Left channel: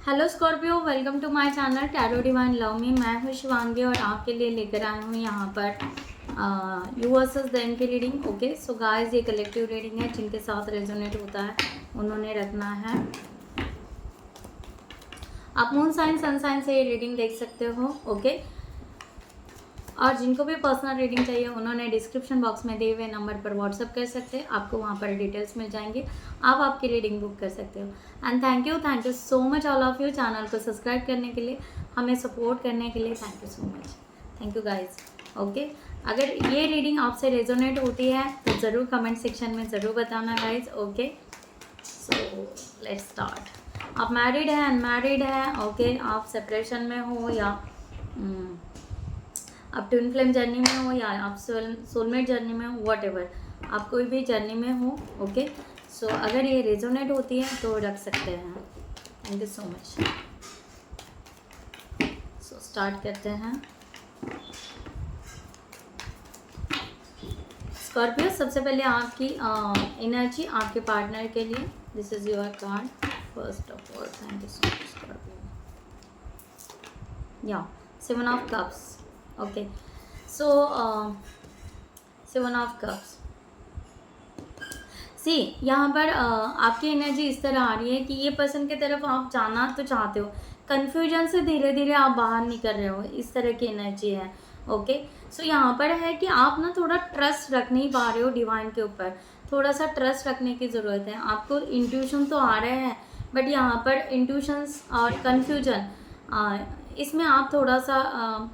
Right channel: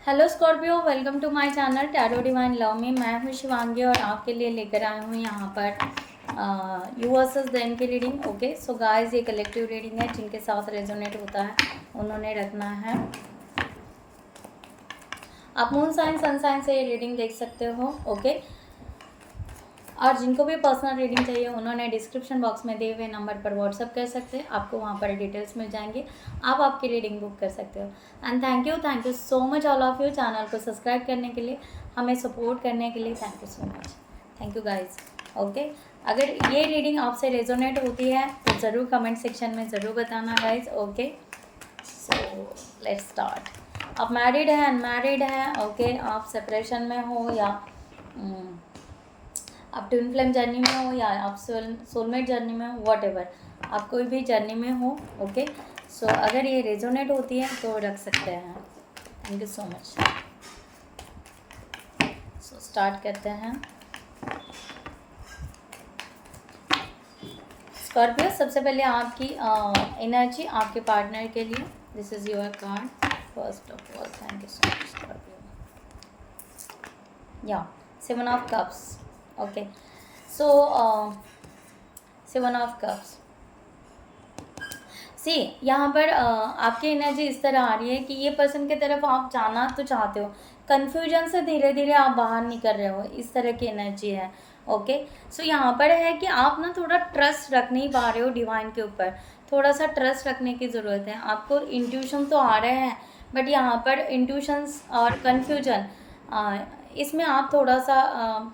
Hello Scorpio, welcome to my channel tarot divine love me. मैं हूँ शिवांगी और आपके लिए लेकर आई हूँ यहाँ पर यू वर्सेस देन की रीडिंग। ओके सो गाइस, ये कलेक्टिव रीडिंग है। जिनके साथ रेजोनेट होता है उन्होंने रखना है। आप मून साइन सन साइन से ये रीडिंग देख सकते हो। ओके, और जिनको भी पर्सनल रीडिंग चाहिए उन्होंने डिस्क्रिप्शन बॉक्स में दिए हुए नंबर पर व्हाट्सअप कर सकते हैं। आपको वहाँ पर डिटेल्स मिल जाएंगे, आप आपकी रीडिंग बुक कर सकते हो। And thank you so much all of you channel को सब्सक्राइब करने के लिए, हमें सपोर्ट करने के लिए। Thank you so much, thank you guys. Okay, अगर ये रीडिंग आपसे रेजोनेट होती है तो ज़रूर कमेंट सेक्शन में ज़रूर बताना guys. Okay so let's start. आप मैरिड हैं, अनमैरिड हैं, ओके, आप सेपरेशन में हो या आप ट्विन फ्लेम जर्नी में हो या आप सोलमेट जर्नी में हो, वॉट एवर, आप कोई भी जर्नी में हो। ओके सो अगर ये रेजोनेट होती है तो रख सकते हैं। Thank you so much. So start करते हैं। स्कॉर्पियो, सबसे पहले आपकी एनर्जी आपके पार्टनर के लिए। This is your card first of all. Thank you so much Scorpio. या 7 of cups. Okay so 7 of cups. See यहाँ पर आपकी एनर्जी इस तरह आ रही है कि ये पर्सन की तरफ आप जाना तो चाहते हो, कन्फ्यूजन से धीरे धीरे आप बाहर निकल रहे हो, इस तरह की एनर्जी है। ओके सो यहाँ पर है कि आप ना थोड़ा ट्रस्ट रख नहीं पा रहे हो डिवाइन के ऊपर। थोड़ा सा ट्रस्ट रखने की ज़रूरत है आपको। इंट्यूशन तो आ रहे हैं बट यहाँ पर इंट्यूशंस और कन्फ्यूजन, इसमें आप थोड़ा सा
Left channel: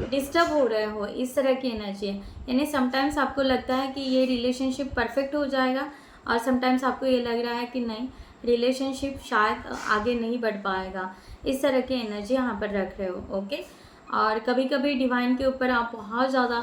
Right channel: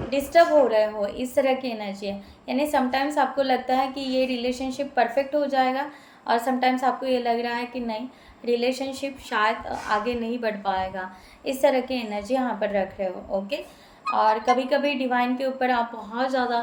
डिस्टर्ब हो रहे हो, इस तरह की एनर्जी है। यानी समटाइम्स आपको लगता है कि ये रिलेशनशिप परफेक्ट हो जाएगा और समटाइम्स आपको ये लग रहा है कि नहीं, रिलेशनशिप शायद आगे नहीं बढ़ पाएगा। इस तरह की एनर्जी यहाँ पर रख रहे हो। ओके, और कभी कभी डिवाइन के ऊपर आप बहुत ज़्यादा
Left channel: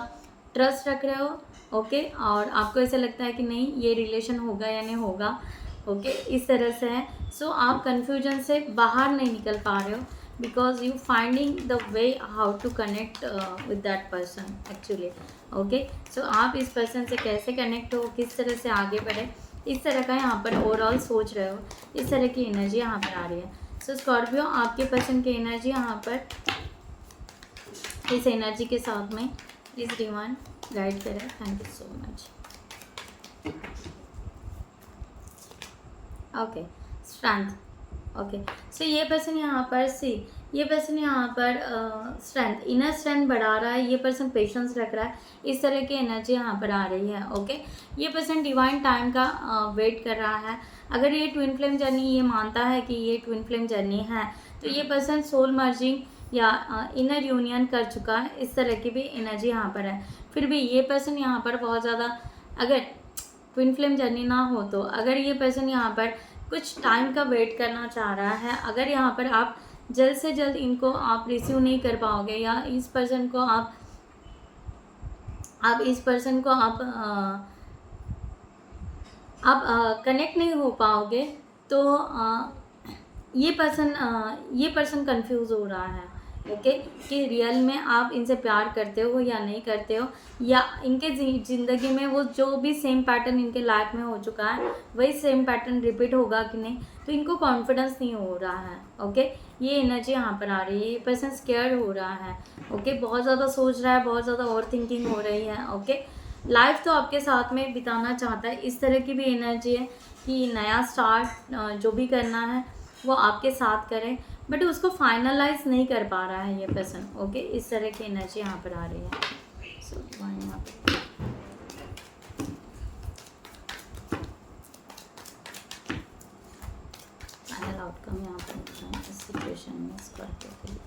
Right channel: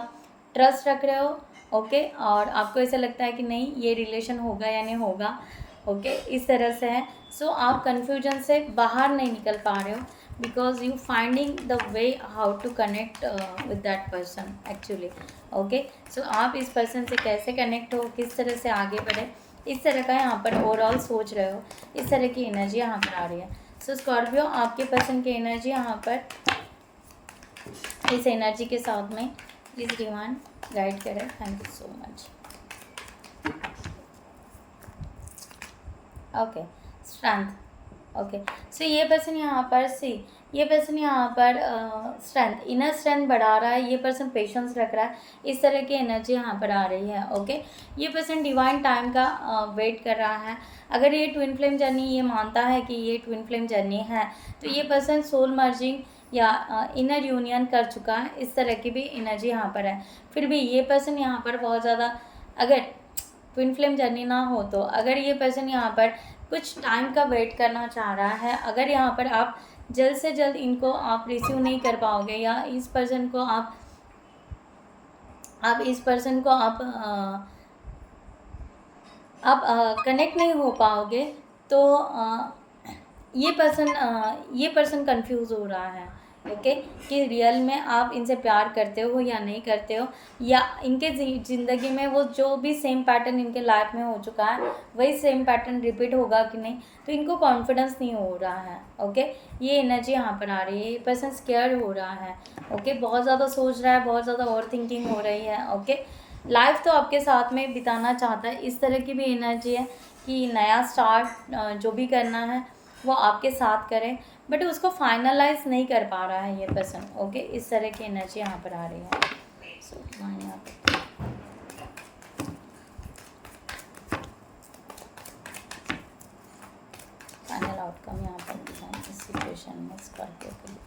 ट्रस्ट रख रहे हो। ओके, और आपको ऐसा लगता है कि नहीं, ये रिलेशन होगा या नहीं होगा। ओके, इस तरह से है। सो आप कन्फ्यूजन से बाहर नहीं निकल पा रहे हो because you finding the way how to connect with that person actually. okay so आप इस पर्सन से कैसे कनेक्ट हो, किस तरह से आगे बढ़े, इस तरह का यहाँ पर ओवरऑल सोच रहे हो। इस तरह की एनर्जी यहाँ पर आ रही है। सो स्कॉर्पियो, आपके पर्सन की एनर्जी यहाँ पर इस एनर्जी के साथ में प्लीज डिवाइन गाइड करें। Thank you so much. Okay, strength. Okay so ये पर्सन यहाँ पर ये पर्सन यहाँ पर स्ट्रेंथ, इनर स्ट्रेंथ बढ़ा रहा है। ये पर्सन पेशेंस रख रहा है, इस तरह की एनर्जी यहाँ पर आ रही है। ओके, ये पर्सन डिवाइन टाइम का वेट कर रहा है। अगर ये ट्विन फ्लेम जर्नी ये मानता है कि ये ट्विन फ्लेम जर्नी है तो ये पर्सन सोल मर्जिंग या इनर यूनियन कर चुका है। इस तरह की भी एनर्जी यहाँ पर है। फिर भी ये पर्सन यहाँ पर बहुत ज़्यादा, अगर ट्विन फ्लेम जर्नी ना हो तो अगर ये पर्सन यहाँ पर कुछ टाइम का वेट करना चाह रहा है, अगर यहाँ पर आप जल्द से जल्द इनको आप रिसीव नहीं कर पाओगे या इस पर्सन को आप इस पर्सन को आप कनेक्ट नहीं हो पाओगे तो ये पर्सन कंफ्यूज हो रहा है। ओके, कि रियल में आप इनसे प्यार करते हो या नहीं करते हो, या इनके ज़िंदगी में वो जो भी सेम पैटर्न इनके लाइफ में हो चुका है वही सेम पैटर्न रिपीट होगा कि नहीं, तो इनको कॉन्फिडेंस नहीं हो रहा है। ओके, ये एनर्जी यहाँ पर आ रही है। ये पर्सन स्केयर हो रहा है। ओके, बहुत ज़्यादा सोच रहा है, बहुत ज़्यादा ओवर थिंकिंग हो रही है। ओके, लाइफ तो आपके साथ में बिताना चाहता है, इस तरह की भी एनर्जी है कि नया स्टार्ट जो भी करना है वो आपके साथ करें, बट उसको फाइनलाइज नहीं कर पा रहा है ये पर्सन। ओके, इस तरह की एनर्जी यहाँ पर आ रही है। सो यहाँ पर फाइनल आउटकम यहाँ पर इस सिचुएशन में स्कॉर्पियो के लिए।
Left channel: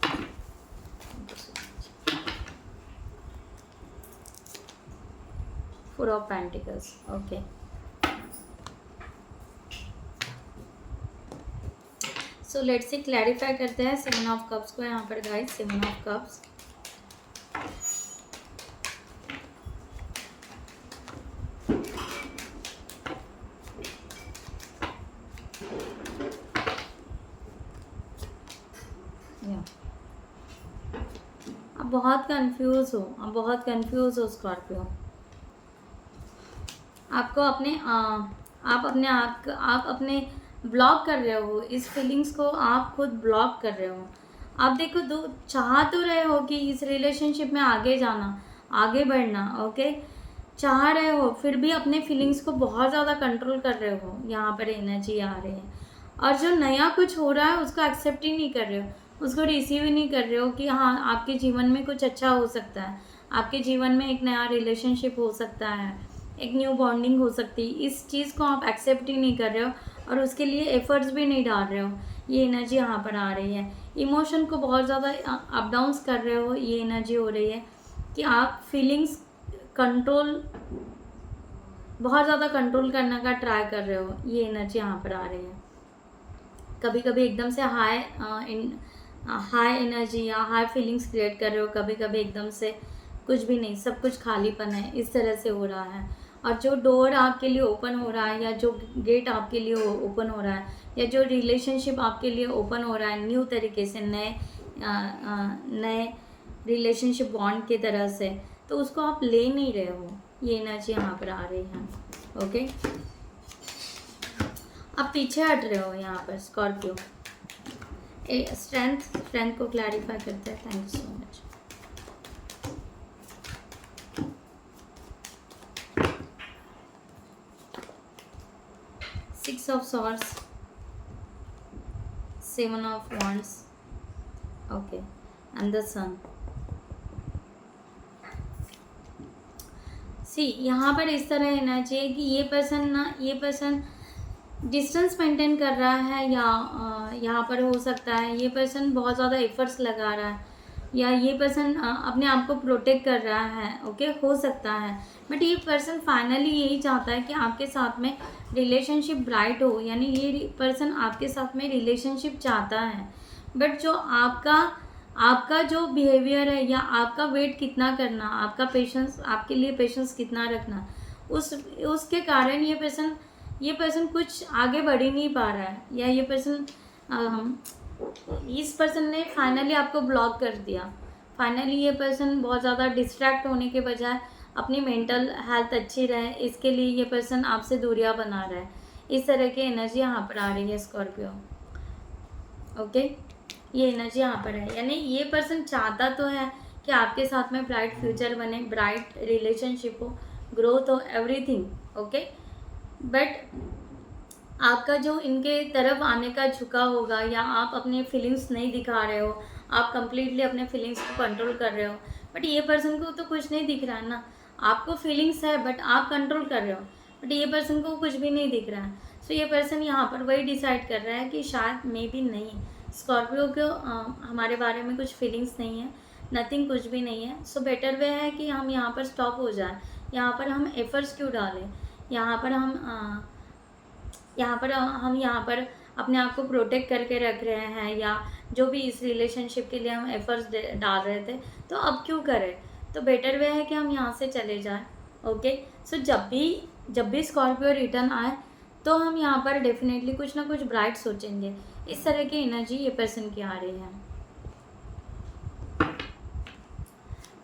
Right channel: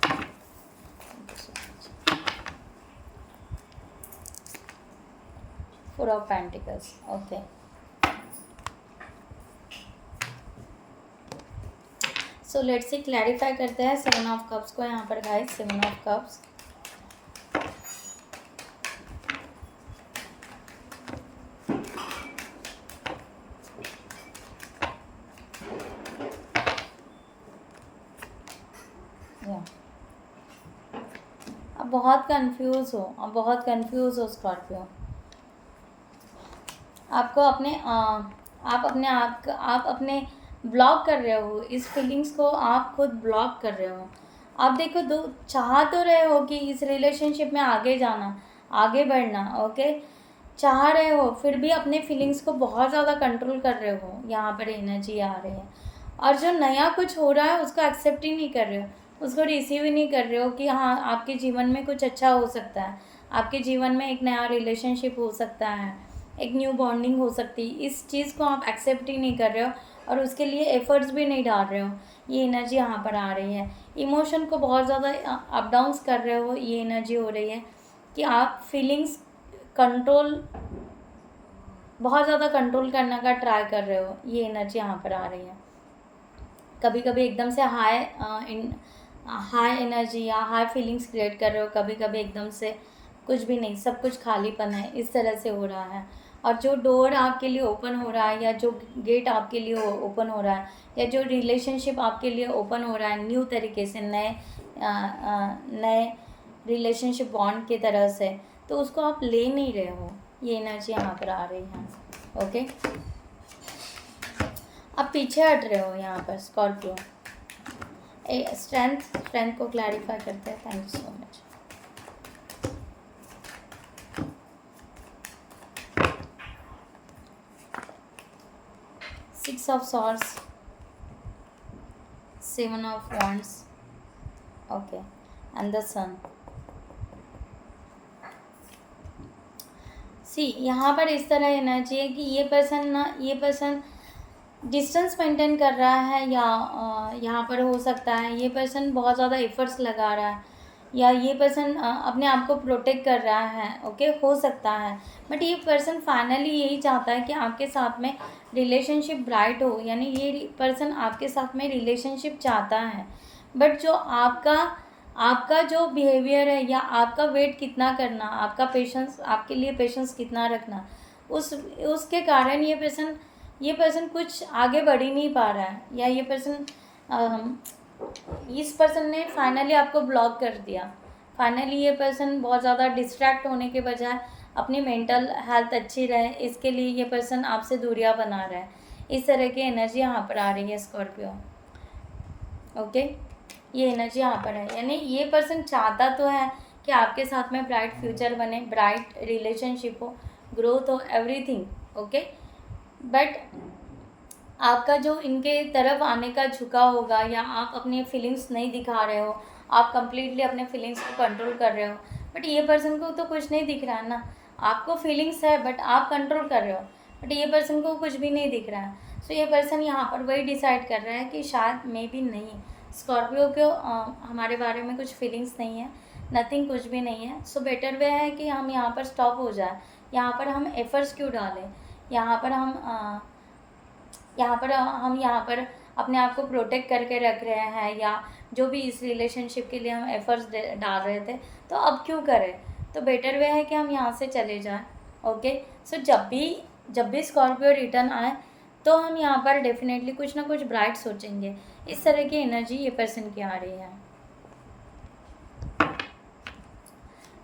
Four of pentacles. Okay, so let's see, clarify करते हैं 7 ऑफ कप्स को यहाँ पर गाइस। 7 ऑफ कप्स, अब बहुत कंफ्यूज हो, अब बहुत कंफ्यूज हो स्कॉर्पियो। आपको अपने आप अपने ब्लॉक कर रहे हो, इस फीलिंग्स को आप खुद ब्लॉक कर रहे हो। आप देखो, दो चाह तो रहे हो कि इस रिलेशनशिप में आगे जाना, आगे बढ़ना, ओके, चाह रहे हो, फिर भी अपने फीलिंग्स को बहुत ज़्यादा कंट्रोल कर रहे हो, यहाँ पर एनर्जी आ रही है। और जो नया कुछ हो रहा है उसको एक्सेप्ट ही नहीं कर रहे हो, उसको रिसीव ही नहीं कर रहे हो कि हाँ आपके जीवन में कुछ अच्छा हो सकता है, आपके जीवन में एक नया रिलेशनशिप हो सकता है, एक न्यू बॉन्डिंग हो सकती है। इस चीज़ को आप एक्सेप्ट ही नहीं कर रहे हो और उसके लिए एफर्ट्स भी नहीं डाल रहे हो। ये एनर्जी यहाँ पर आ रही है। इमोशन को बहुत ज़्यादा अप डाउन्स कर रहे हो, ये एनर्जी हो रही है कि आप फीलिंग्स कंट्रोल, बहुत ज़्यादा कंट्रोल करने का ट्राई कर रहे हो, ये एनर्जी यहाँ पर आ रही है। कभी कभी एकदम से हाई एनर्जी या हाई फीलिंग्स क्रिएट कर रहे हो, कभी कभी एकदम से कुछ भी नहीं, सब कुछ खालीपन है, इस तरह से हो रहा है। और जो डोर आपके लिए ओपन हो रहा है, या जो गेट आपके लिए ओपन हो रहा है, या जो रिलेशनशिप आपके लिए ओपन हो रहा है न्यू तरीके से, नए रिलेशनशिप बॉन्ड की तरह से, तो उसको आप ले नहीं रहे हो, ये एनर्जी यहाँ पर आ रही है। ओके, आप पीछे हट रहे हो यहाँ पर स्कॉर्पियो। स्ट्रेंथ को क्लैरिफाई करते हैं। Thank you so much. Six of swords, seven of wands, okay, and the sun. See यहाँ पर इस तरह एनर्जी है कि ये पर्सन डिस्टेंस मेंटेन कर रहा है, या यहाँ पर हो सकता है ये पर्सन बहुत ज़्यादा एफर्ट्स लगा रहा है, या ये पर्सन अपने आप को प्रोटेक्ट कर रहा है, ओके, हो सकता है। बट ये पर्सन फाइनली यही चाहता है कि आपके साथ में रिलेशनशिप ब्राइट हो, यानी ये पर्सन आपके साथ में रिलेशनशिप चाहता है। बट जो आपका जो बिहेवियर है, या आपका वेट कितना करना, आपका पेशेंस, आपके लिए पेशेंस कितना रखना, उसके कारण ये पर्सन कुछ आगे बढ़ ही नहीं पा रहा है, या ये पर्सन इस पर्सन ने फाइनली आपको ब्लॉक कर दिया। फाइनली ये पर्सन बहुत ज़्यादा डिस्ट्रैक्ट होने के बजाय अपनी मेंटल हेल्थ अच्छी रहे, इसके लिए ये पर्सन आपसे दूरियां बना रहा है। इस तरह की एनर्जी यहाँ पर आ रही है स्कॉर्पियो। ओके, ये एनर्जी यहाँ पर है, यानी ये पर्सन चाहता तो है कि आपके साथ में ब्राइट फ्यूचर बने, ब्राइट रिलेशनशिप हो, ग्रोथ हो, एवरीथिंग, ओके। बट आपका जो इनके तरफ आने का झुका होगा, या आप अपनी फीलिंग्स नहीं दिखा रहे हो, आप कंप्लीटली अपने फीलिंग्स को कंट्रोल कर रहे हो। बट ये पर्सन को तो कुछ नहीं दिख रहा है ना, आपको फीलिंग्स है बट आप कंट्रोल कर रहे हो, बट ये पर्सन को कुछ भी नहीं दिख रहा है। सो ये पर्सन यहाँ पर वही डिसाइड कर रहा है कि शायद मे बी नहीं, स्कॉर्पियो को हमारे बारे में कुछ फीलिंग्स नहीं है, नथिंग, कुछ भी नहीं है। सो बेटर वे है कि हम यहाँ पर स्टॉप हो जाए। यहाँ पर हम एफर्ट्स क्यों डालें, यहाँ पर हम यहाँ पर अपने आप को प्रोटेक्ट करके रख रहे हैं, या जो भी इस रिलेशनशिप के लिए हम एफर्ट्स डाल रहे थे, तो अब क्यों करें। तो बेटर वे है कि हम यहाँ से चले जाएं। ओके, सो जब भी स्कॉर्पियो रिटर्न आए तो हम यहाँ पर डेफिनेटली कुछ ना कुछ ब्राइट सोचेंगे। इस तरह की एनर्जी ये पर्सन की आ रही है।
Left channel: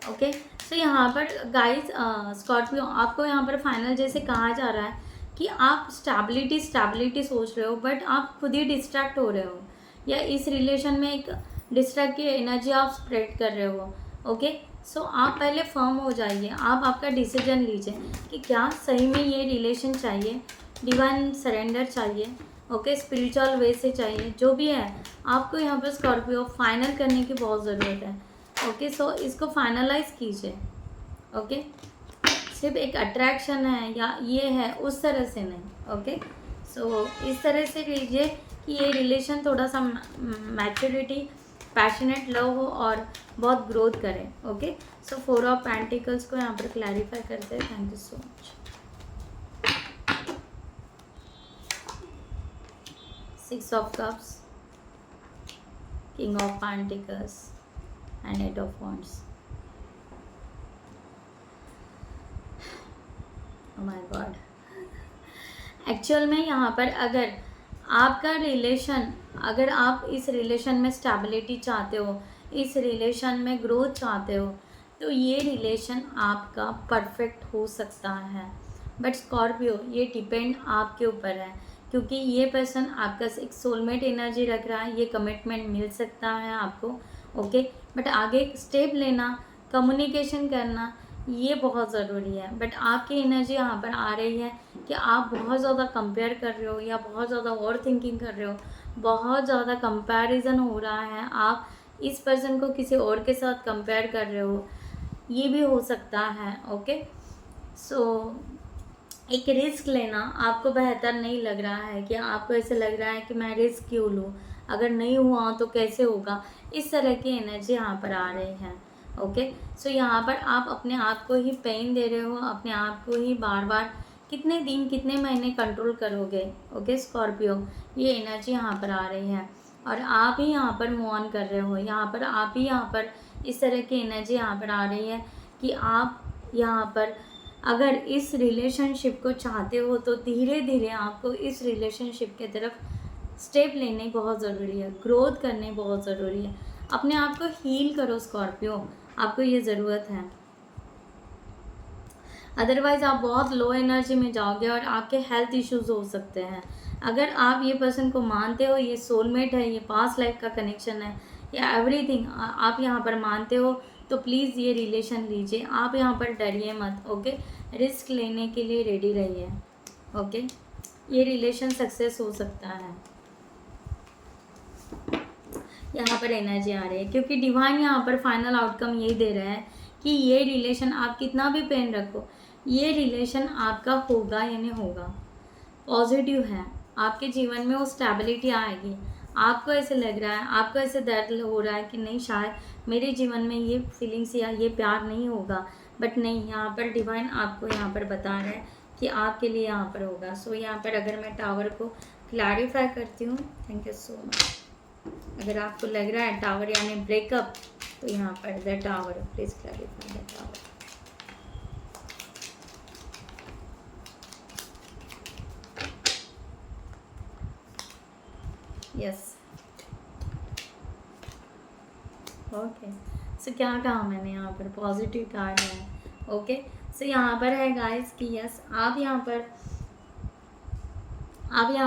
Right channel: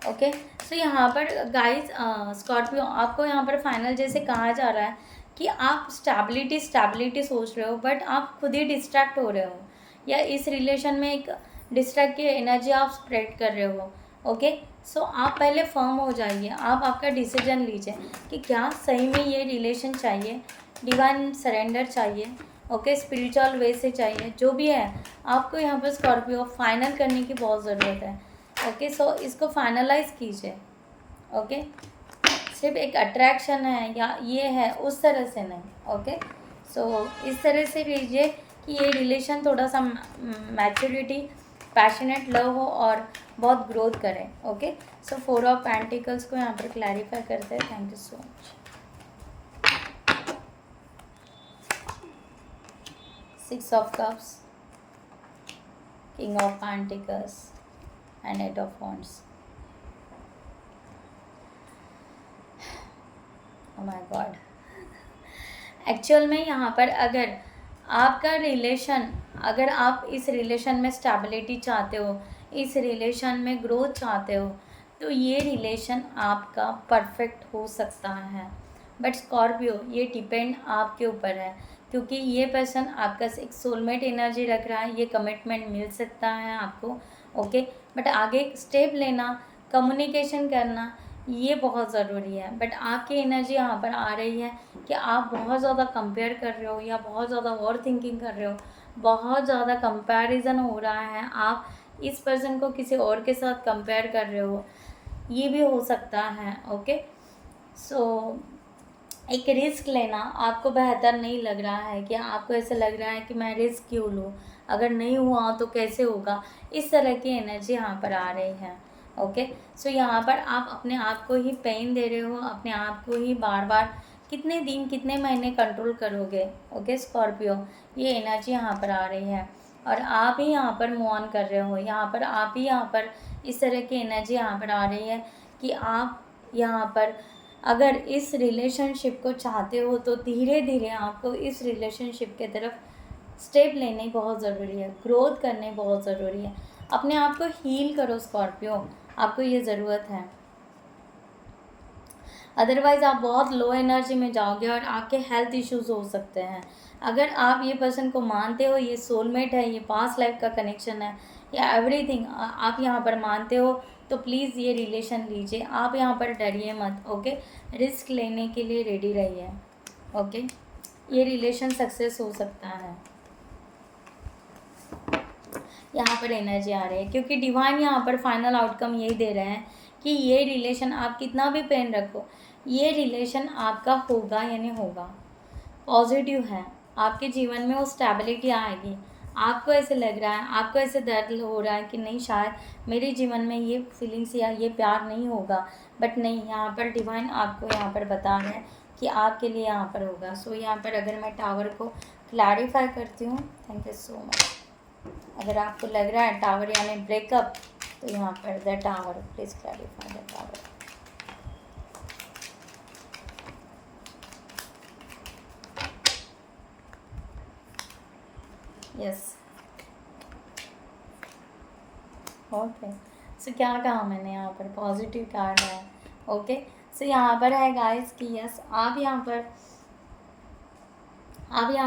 ओके, सो यहाँ पर गाइस स्कॉर्पियो, आपको यहाँ पर फाइनल जैसे कहा जा रहा है कि आप स्टेबिलिटी सोच रहे हो, बट आप खुद ही डिस्ट्रैक्ट हो रहे हो, या इस रिलेशन में एक डिस्ट्रैक्ट की एनर्जी आप स्प्रेड कर रहे हो। ओके, सो आप पहले फर्म हो जाइए, आप आपका डिसीजन लीजिए कि क्या सही में ये रिलेशन चाहिए, डिवाइन सरेंडर चाहिए, ओके, स्पिरिचुअल वे से चाहिए, जो भी है आपको यहाँ पर स्कॉर्पियो फाइनल करने की बहुत ज़रूरत है। ओके, सो इसको फाइनलाइज कीजिए। ओके, सिर्फ एक अट्रैक्शन है या ये है उस तरह से नहीं। ओके, सो इस तरह से लीजिए कि ये रिलेशन थोड़ा सा मैच्योरिटी, पैशनेट लव हो और बहुत ग्रोथ करे। ओके, सो 4 ऑफ पेंटिकल्स को यहाँ पर क्लैरिफाई करते हैं। Thank you so much. 6 of cups, king of pentacles and 8 of wands. Oh my God, actual में यहाँ पर अगर आपका रिलेशन, अगर आप इस रिलेशन में स्टेबिलिटी चाहते हो, इस रिलेशन में ग्रोथ चाहते हो, तो ये रिलेशन आपका परफेक्ट हो सकता है। बट स्कॉर्पियो, ये डिपेंड आपके ऊपर है क्योंकि ये पर्सन आपका एक सोलमेट एनर्जी रख रहा है, ये कमिटमेंट मिल सकता है आपको, ओके। बट आगे स्टेप लेना, कम्युनिकेशन करना, ये बहुत ज़रूरी है। बट आपकी एनर्जी यहाँ पर आ रही है कि आप बहुत ज़्यादा कंपेयर कर रहे हो या बहुत ज़्यादा ओवर थिंकिंग कर रहे हो, बहुत ज़्यादा कंपैरिजन हो रहा है, आप इस पर्सन को किसी और के साथ कंपेयर कर रहे हो, ये भी हो सकता है, ओके। सो एक रिस्क लेना आपको बेहतर नहीं लग रहा है, कि आपको ऐसे लग रहा है कि मैं रिस्क क्यों लूँ, अगर नहीं हुआ तो कैसे होगा, इस तरह की एनर्जी यहाँ पर आ रही है, ओके। सो यहाँ पर आप अपने आप को ही पेन दे रहे हो, अपने आप को ही बार बार कितने दिन कितने महीने कंट्रोल करोगे, ओके स्कॉर्पियो, ये एनर्जी यहाँ पर आ रही है। और आप ही यहाँ पर मूव ऑन कर रहे हो, यहाँ पर आप ही यहाँ पर इस तरह की एनर्जी यहाँ पर आ रही है कि आप यहाँ पर अगर इस रिलेशनशिप को चाहते हो तो धीरे धीरे आपको इस रिलेशनशिप के तरफ स्टेप लेने बहुत ज़रूरी है, ग्रोथ करने बहुत ज़रूरी है। अपने आप को हील करो स्कॉर्पियो, आपको ये ज़रूरत है। अदरवाइज़ आप बहुत लो एनर्जी में जाओगे और आपके हेल्थ इश्यूज हो सकते हैं। अगर आप ये पर्सन को मानते हो, ये सोलमेट है, ये पास्ट लाइफ का कनेक्शन है, या एवरीथिंग आप यहाँ पर मानते हो, तो प्लीज़ ये रिलेशन लीजिए। आप यहाँ पर डरिए मत, ओके। रिस्क लेने के लिए रेडी रहिए, ओके। ये रिलेशन सक्सेस हो सकता है। यहाँ पर एनर्जी आ रही है क्योंकि डिवाइन यहाँ पर फाइनल आउटकम यही दे रहे हैं कि ये रिलेशन, आप कितना भी पेन रखो, ये रिलेशन आपका होगा यानी होगा, पॉजिटिव है। आपके जीवन में वो स्टेबिलिटी आएगी। आपको ऐसे लग रहा है, आपको ऐसे दर्द हो रहा है कि नहीं, शायद मेरे जीवन में ये फीलिंग्स या ये प्यार नहीं होगा, बट नहीं, यहाँ पर डिवाइन आपको यहाँ पर बता रहे हैं कि आपके लिए यहाँ पर होगा। सो यहाँ पर अगर मैं टावर को क्लैरिफाई करती हूँ, थैंक यू सो मच। अगर आपको लग रहा है टावर यानी ब्रेकअप, तो यहाँ पर the tower, please clarify the tower. Yes, okay. So क्या कहा मैंने, यहाँ पर पॉजिटिव कार्ड है, ओके। सो यहाँ पर है गाइस कि यस, आप यहाँ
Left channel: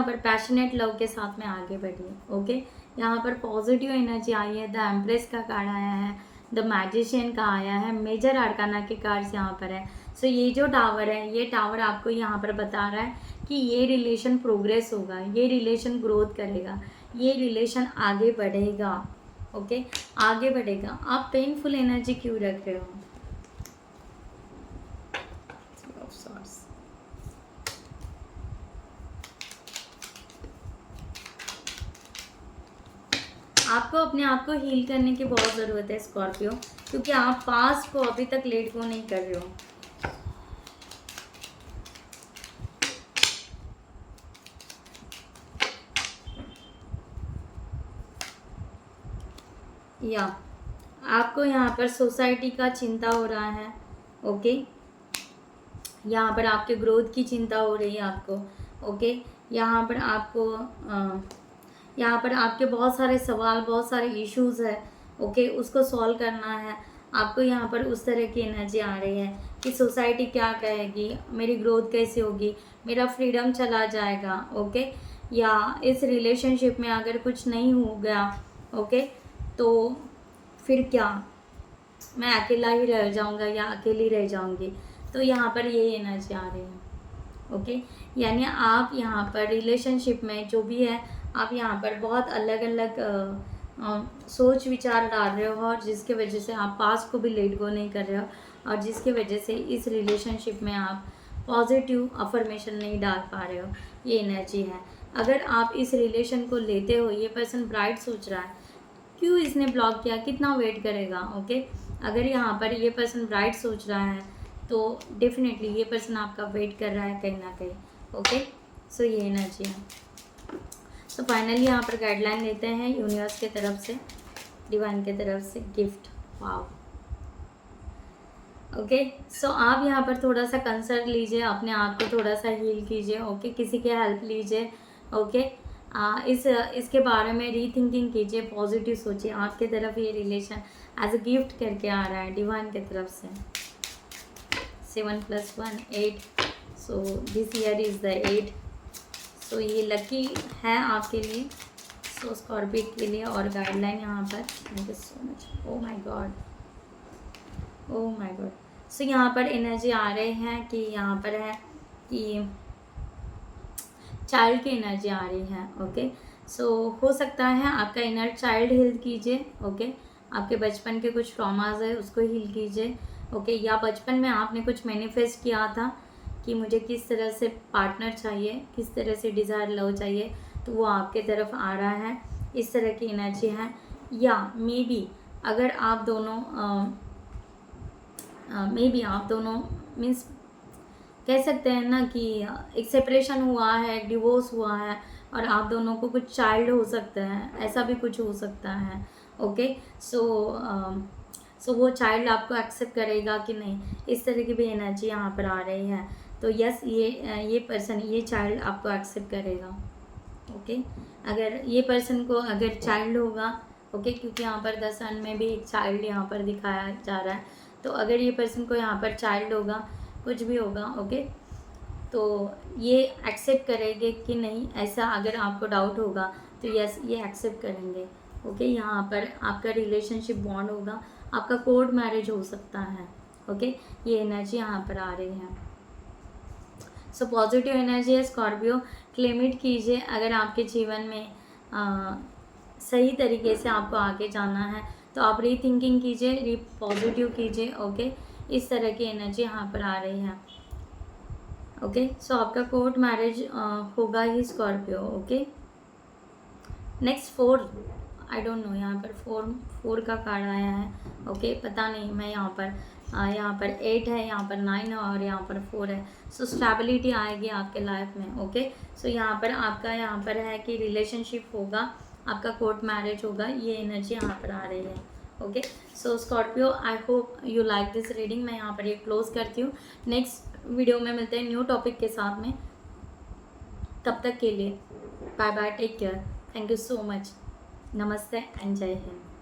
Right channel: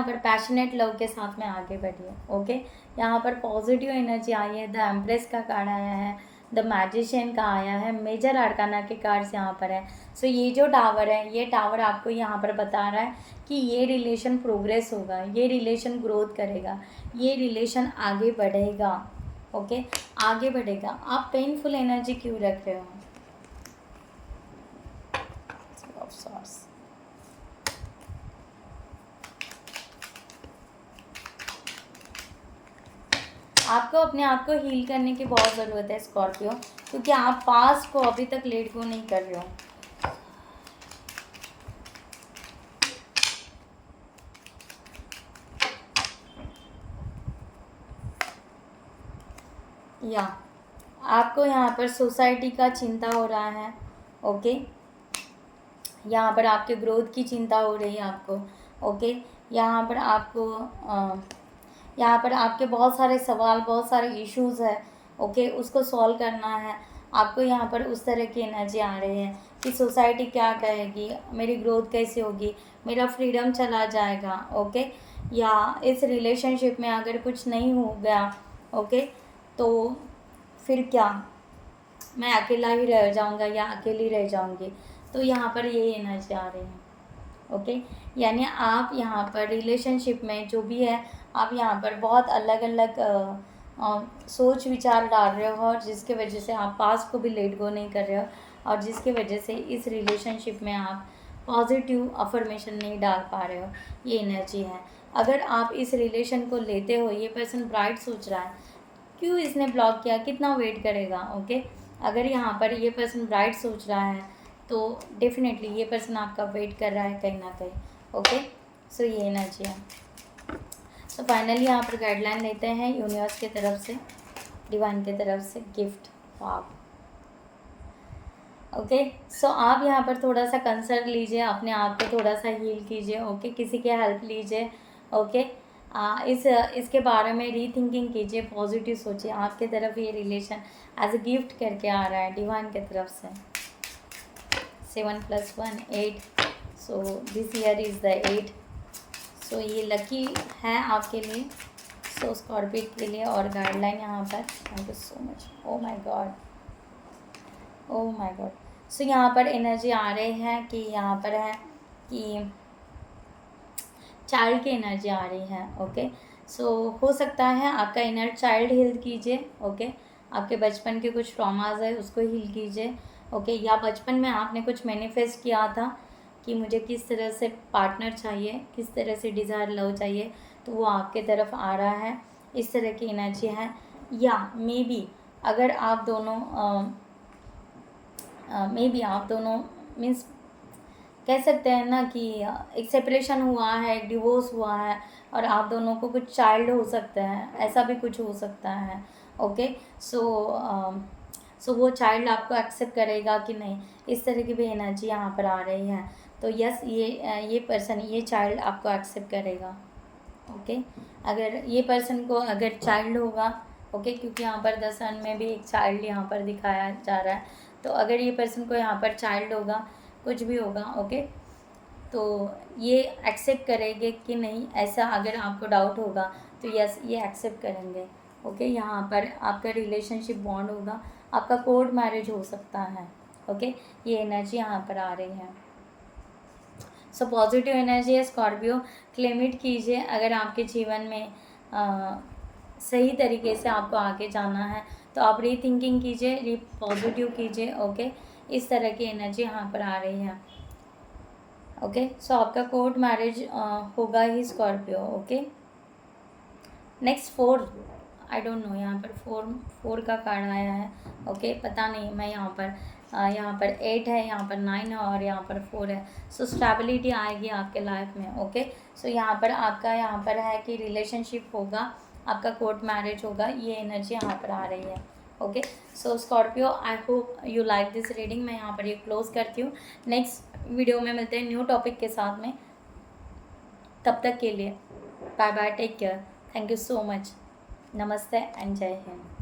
पर पैशनेट लव के साथ में आगे बढ़िए, ओके। यहाँ पर पॉजिटिव एनर्जी आई है, द एम्प्रेस का कार्ड आया है, द मैजिशियन का आया है, मेजर आर्काना के कार्ड्स यहाँ पर है। सो ये जो टावर है, ये टावर आपको यहाँ पर बता रहा है कि ये रिलेशन प्रोग्रेस होगा, ये रिलेशन ग्रोथ करेगा, ये रिलेशन आगे बढ़ेगा, ओके, आगे बढ़ेगा। आप पेनफुल एनर्जी क्यों रख रहे हो? आपको अपने आप को हील करने की बहुत ज़रूरत है स्कॉर्पियो, क्योंकि आप पास्ट को अभी तक लेट गो नहीं कर रहे हो। या आपको यहाँ पर सोसाइटी का चिंता हो रहा है, ओके। यहाँ पर आपके ग्रोथ की चिंता हो रही है आपको, ओके। यहाँ पर आपके बहुत सारे सवाल, बहुत सारे इश्यूज है, ओके, उसको सॉल्व करना है आपको। यहाँ पर उस तरह की एनर्जी आ रही है कि सोसाइटी क्या कहेगी, मेरी ग्रोथ कैसे होगी, मेरा फ्रीडम चला जाएगा, ओके। या इस रिलेशनशिप में अगर कुछ नहीं हो गया, ओके, तो फिर क्या, मैं अकेला ही रह जाऊँगा या अकेली रह जाऊँगी। तो यहाँ पर यही एनर्जी आ रही है, ओके। यानी आप यहाँ पर रिलेशनशिप में जो भी है, आप यहाँ पर बहुत अलग अलग सोच विचार डाल रहे हो, और जिसके वजह से आप पास्ट को भी लेट गो नहीं कर रहे हो, और जिसके वजह से इस रिलेशनशिप में आप पॉजिटिव अफर्मेशन नहीं डाल पा रहे हो, ये एनर्जी है। अगर आप इस रिलेशन को लेते हो, ये पर्सन ब्राइट सोच रहा है, क्यों इसने ब्लॉक किया, कितना वेट करेगा, ओके। अगर यहाँ पर ये पर्सन ब्राइट सोच रहा है तो डेफिनेटली ये पर्सन आपका वेट कर रहा है कहीं ना कहीं, ओके। सो ये एनर्जी है। सो फाइनली यहाँ पर गाइडलाइन लेते हैं यूनिवर्स की तरफ से, डिवाइन की तरफ से गिफ्ट, वाव, ओके। सो आप यहाँ पर थोड़ा सा कंसर्न लीजिए, अपने आप को थोड़ा सा हील कीजिए, ओके, किसी की हेल्प लीजिए, ओके। इसके बारे में रीथिंकिंग कीजिए, पॉजिटिव सोचिए। आपके तरफ ये रिलेशन एज अ गिफ्ट करके आ रहा है डिवाइन की तरफ से। 7 + 1 8, so this year is the 8। सो ये लकी है आपके लिए, सो स्कॉर्पियो के लिए। और गाइडलाइन यहाँ पर, thank you so much. Oh my god, oh my god. So यहाँ पर एनर्जी आ रहे हैं कि यहाँ पर है कि चाइल्ड की एनर्जी आ रही है। ओके, सो हो सकता है आपका इनर चाइल्ड हील कीजिए। ओके, आपके बचपन के कुछ ट्रॉमाज है उसको हील कीजिए। ओके, या बचपन में आपने कुछ मैनिफेस्ट किया था कि मुझे किस तरह से पार्टनर चाहिए, किस तरह से डिज़ायर लव चाहिए, तो वो आपके तरफ आ रहा है, इस तरह की एनर्जी है। या मे बी अगर आप दोनों आप दोनों मीन्स कह सकते हैं ना कि एक सेपरेशन हुआ है, एक डिवोर्स हुआ है, और आप दोनों को कुछ चाइल्ड हो सकता है, ऐसा भी कुछ हो सकता है। ओके, सो वो चाइल्ड आपको एक्सेप्ट करेगा कि नहीं, इस तरह की भी एनर्जी यहाँ पर आ रही है। तो यस, ये पर्सन, ये चाइल्ड आपको एक्सेप्ट करेगा। ओके, अगर ये पर्सन को अगर चाइल्ड होगा, ओके, क्योंकि यहाँ पर द सन में भी एक चाइल्ड यहाँ पर दिखाया जा रहा है, तो अगर ये पर्सन को यहाँ पर चाइल्ड होगा, कुछ भी होगा, ओके, तो ये एक्सेप्ट करेंगे कि नहीं, ऐसा अगर आपको डाउट होगा तो यस, ये एक्सेप्ट करेंगे। ओके, यहाँ पर आपका रिलेशनशिप बॉन्ड होगा, आपका कोर्ट मैरिज हो सकता है। ओके, ये एनर्जी यहाँ पर आ रही है। सो पॉजिटिव एनर्जी है स्कॉर्पियो, क्लेम इट कीजिए। अगर आपके जीवन में सही तरीके से आपको आगे जाना है तो आप रीथिंकिंग कीजिए, पॉजिटिव कीजिए। ओके, इस तरह की एनर्जी यहाँ पर आ रही है। ओके, सो आपका कोर्ट मैरिज होगा ही Scorpio. Okay, next 4, I don't know, यहाँ पर 4 का कार्ड आया है। ओके, पता नहीं, मैं यहाँ पर 8 है, यहाँ पर 9 है, और यहाँ पर 4 है। सो स्टेबिलिटी आएगी आपके लाइफ में। ओके, सो यहाँ पर आपका यहाँ पर है कि रिलेशनशिप होगा, आपका कोर्ट मैरिज होगा, ये एनर्जी यहाँ पर आ रही है। Okay, so Scorpio, I hope you like this reading. मैं यहाँ पर ये क्लोज करती हूँ। नेक्स्ट वीडियो में मिलते हैं न्यू टॉपिक के साथ में। तब तक के लिए bye bye, take care, thank you so much, नमस्ते एंड जय हिंद।